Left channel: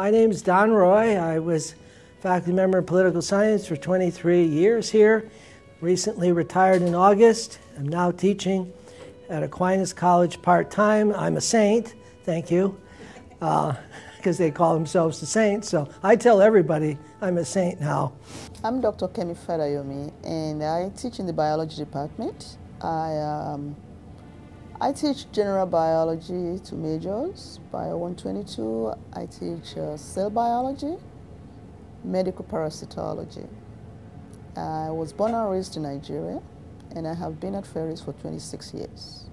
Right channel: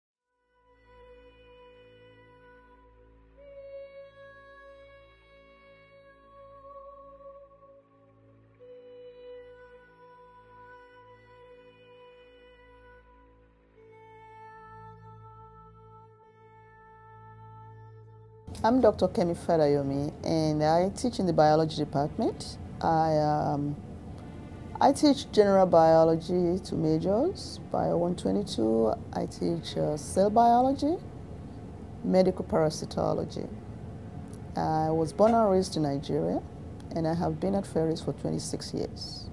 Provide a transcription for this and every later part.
My name's Don Roy. I was faculty member in political science for 23 years here. Recently retired in August. I'm now teaching at Aquinas College part-time. I'm a saint, thank you, because they call themselves the saints. So I tell everybody I'm a saint now. I'm Dr. Kemi Fadayomi, and I teach in the biology department. I teach general biology to majors, Bio 122. I teach cell biology, medical parasitology. I was born and raised in Nigeria, and I have been at Ferris for 26 years.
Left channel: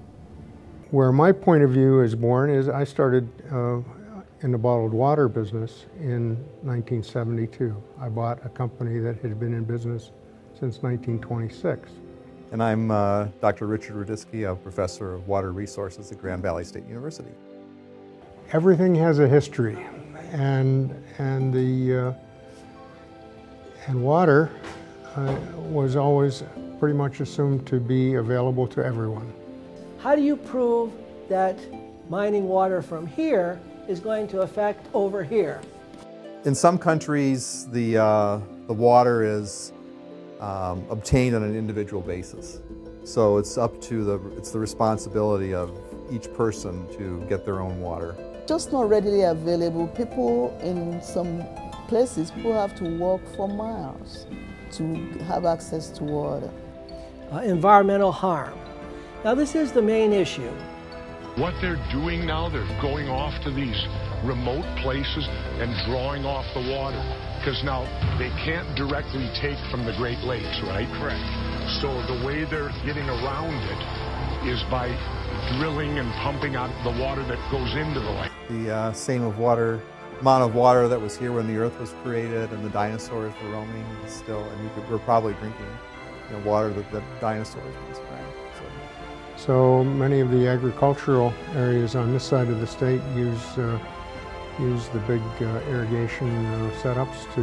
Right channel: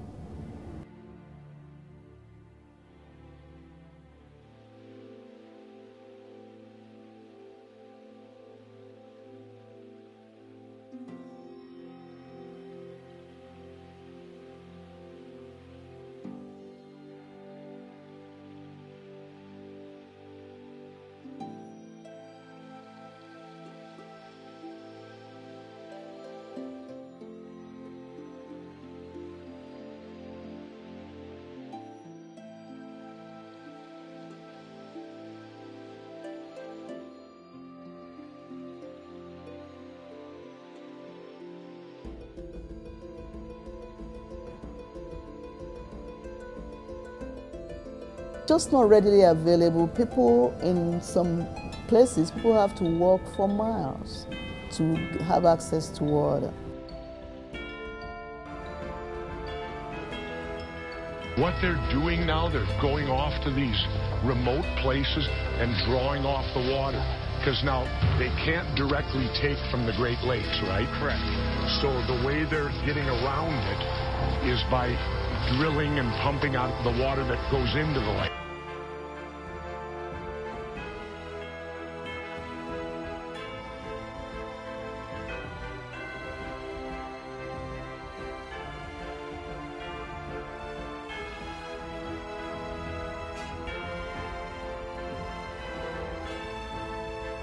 Where my point of view is born is I started in the bottled water business in 1972. I bought a company that had been in business since 1926. And I'm Dr. Richard Rudisky, a professor of water resources at Grand Valley State University. Everything has a history, and water was always pretty much assumed to be available to everyone. How do you prove that mining water from here is going to affect over here? In some countries, the water is obtained on an individual basis. So it's up to it's the responsibility of each person to get their own water. Just not readily available. People in some places, people have to walk for miles to have access to water. Environmental harm. Now this is the main issue. What they're doing now, they're going off to these remote places and drawing off the water. Because now they can't directly take from the Great Lakes, right? Correct. So the way they're getting around it is by drilling and pumping out the water that goes into the lake. The same amount of water that was here when the Earth was created and the dinosaurs were roaming is still, and we're probably drinking the water that the dinosaurs once drank. So many of the agricultural areas on this side of the state use the big irrigation setups to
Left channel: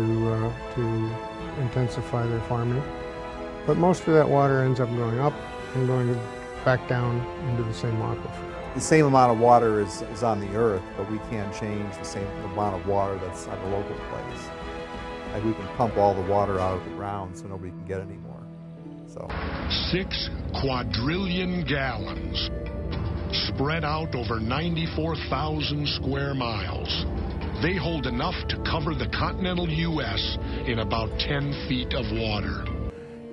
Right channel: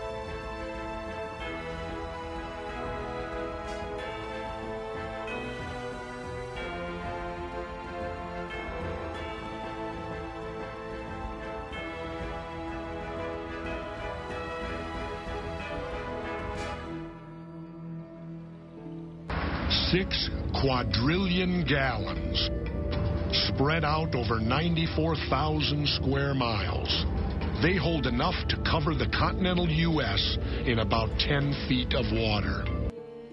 intensify their farming. But most of that water ends up going up and going back down into the same aquifer. The same amount of water is on the Earth, but we can't change the same amount of water that's on the local place. And we can pump all the water out of the ground so nobody can get any more. So 6 quadrillion gallons spread out over 94,000 square miles. They hold enough to cover the continental U.S. in about 10 feet of water.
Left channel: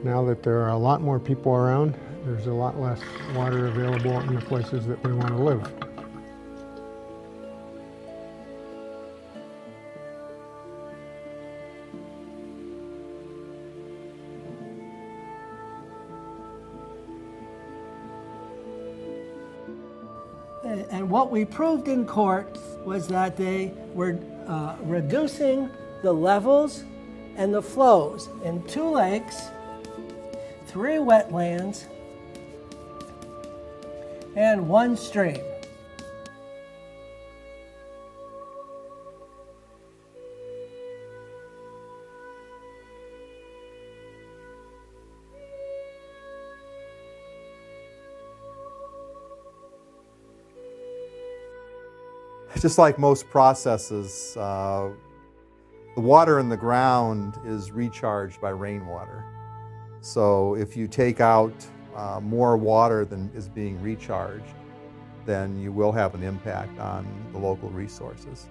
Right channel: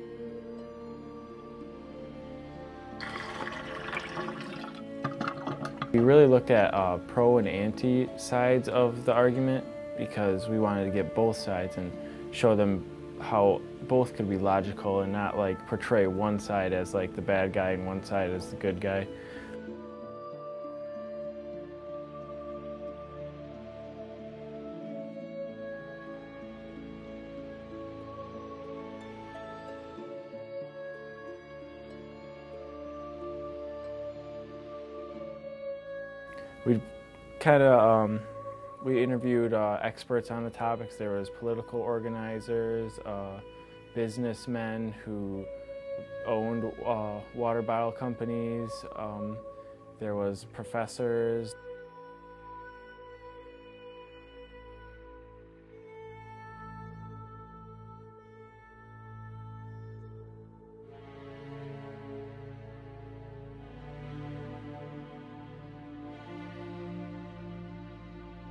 Now that there are a lot more people around, there's a lot less water available in the places that we want to live. We really looked at pro and anti sides of the argument because we wanted to get both sides and show them how both could be logical and not like portray one side as like the bad guy and one side as the good guy. And what we proved in court was that they were reducing the levels and the flows in 2 lakes, 3 wetlands, and 1 stream. We kind of we interviewed experts on the topics. There was political organizers, businessmen who owned water bottle companies. There was professors. just like most processes, the water in the ground is recharged by rainwater. So if you take out more water than is being recharged, then you will have an impact on the local resources.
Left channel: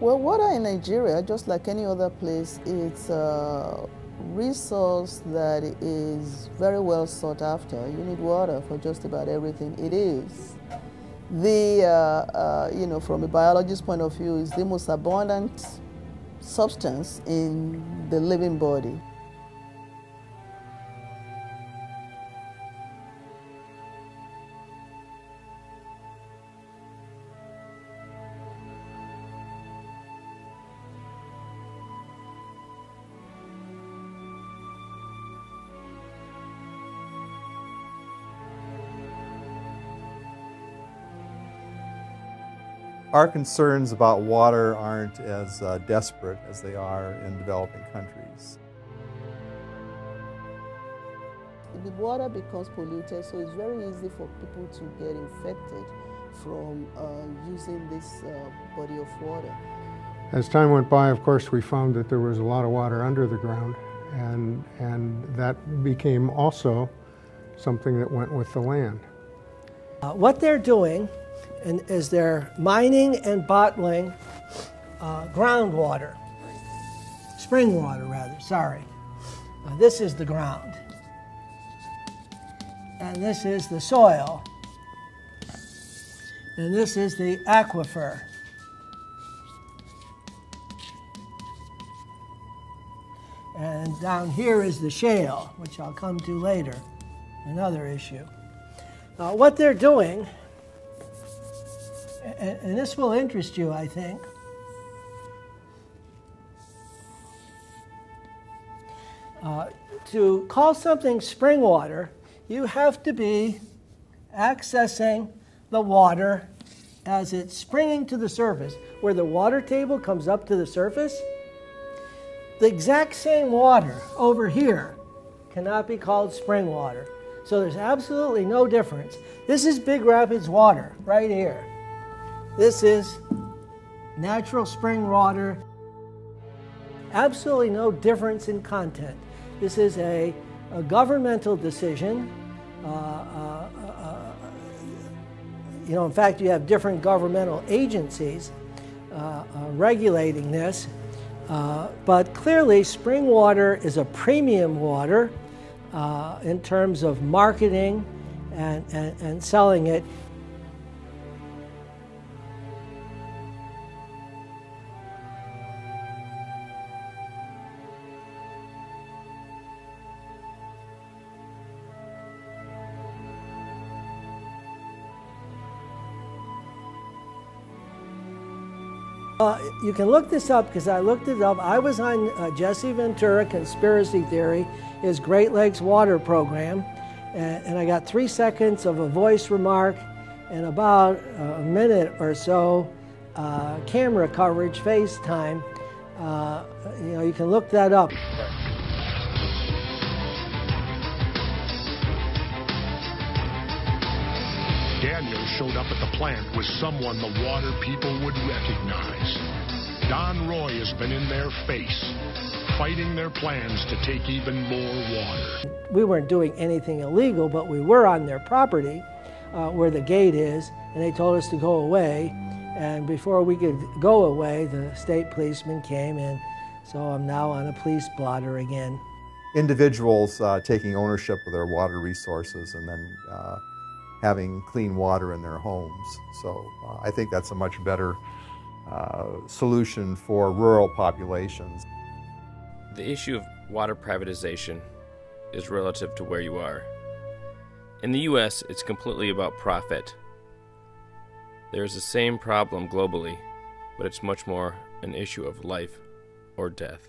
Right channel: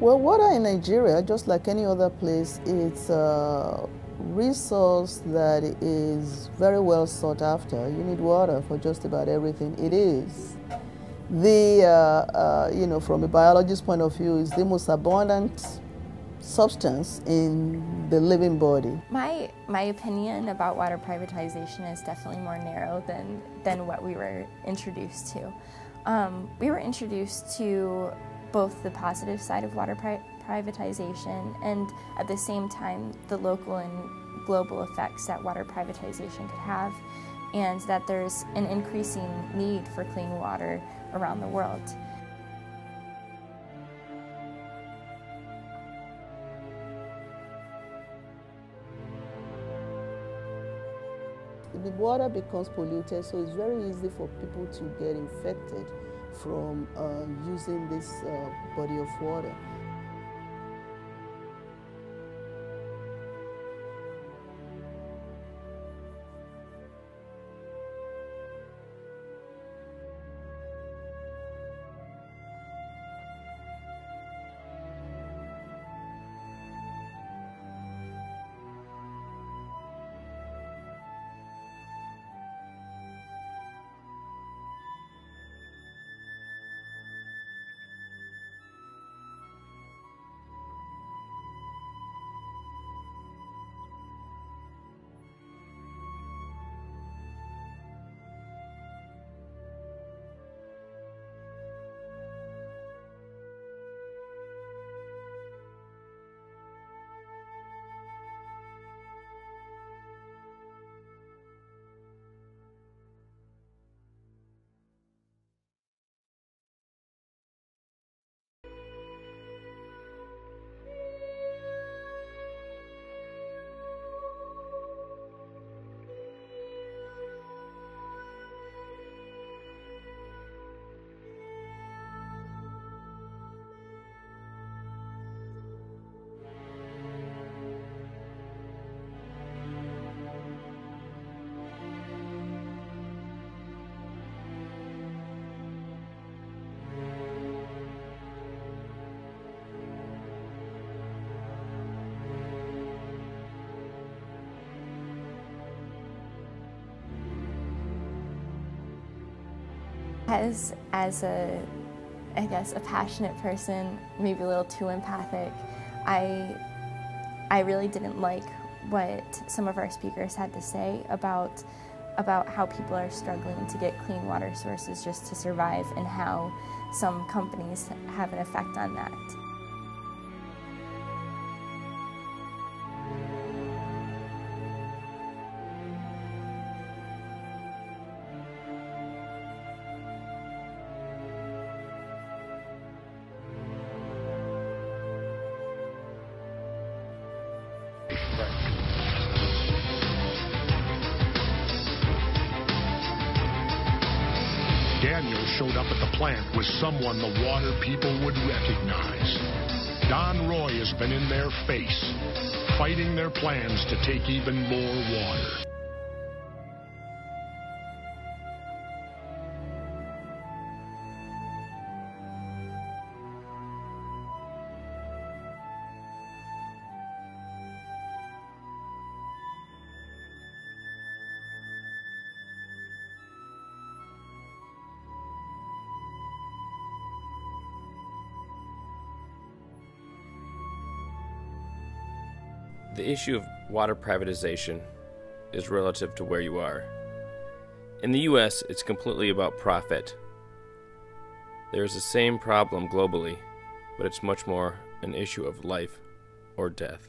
Well, water in Nigeria, just like any other place, it's a resource that is very well sought after. You need water for just about everything. It is the, from a biologist's point of view, is the most abundant substance in the living body. My opinion about water privatization is definitely more narrow than what we were introduced to. We were introduced to both the positive side of water privatization and at the same time the local and global effects that water privatization could have, and that there's an increasing need for clean water around the world. Our concerns about water aren't as desperate as they are in developing countries. The water becomes polluted, so it's very easy for people to get infected from using this body of water. As time went by, of course, we found that there was a lot of water under the ground, and that became also something that went with the land. What they're doing is they're mining and bottling groundwater, spring water rather, sorry. This is the ground, and this is the soil, and this is the aquifer. And down here is the shale, which I'll come to later, another issue. What they're doing, and this will interest you, I think, to call something spring water, you have to be accessing the water as it's springing to the surface, where the water table comes up to the surface. The exact same water over here cannot be called spring water. So there's absolutely no difference. This is Big Rapids water right here. This is natural spring water. Absolutely no difference in content. This is a governmental decision. In fact, you have different governmental agencies regulating this. But clearly, spring water is a premium water in terms of marketing and selling it. As a passionate person, maybe a little too empathic, I really didn't like what some of our speakers had to say about how people are struggling to get clean water sources just to survive, and how some companies have an effect on that. You can look this up, because I looked it up. I was on Jesse Ventura Conspiracy Theory, his Great Lakes Water Program, and I got 3 seconds of a voice remark and about a minute or so camera coverage, FaceTime. You can look that up. Daniel showed up at the plant with someone the water people would recognize. Don Roy has been in their face, fighting their plans to take even more water. We weren't doing anything illegal, but we were on their property where the gate is, and they told us to go away. And before we could go away, the state policeman came, and so I'm now on a police blotter again. Individuals taking ownership of their water resources and then having clean water in their homes. So I think that's a much better solution for rural populations. The issue of water privatization is relative to where you are. In the U.S., it's completely about profit. There is the same problem globally, but it's much more an issue of life or death.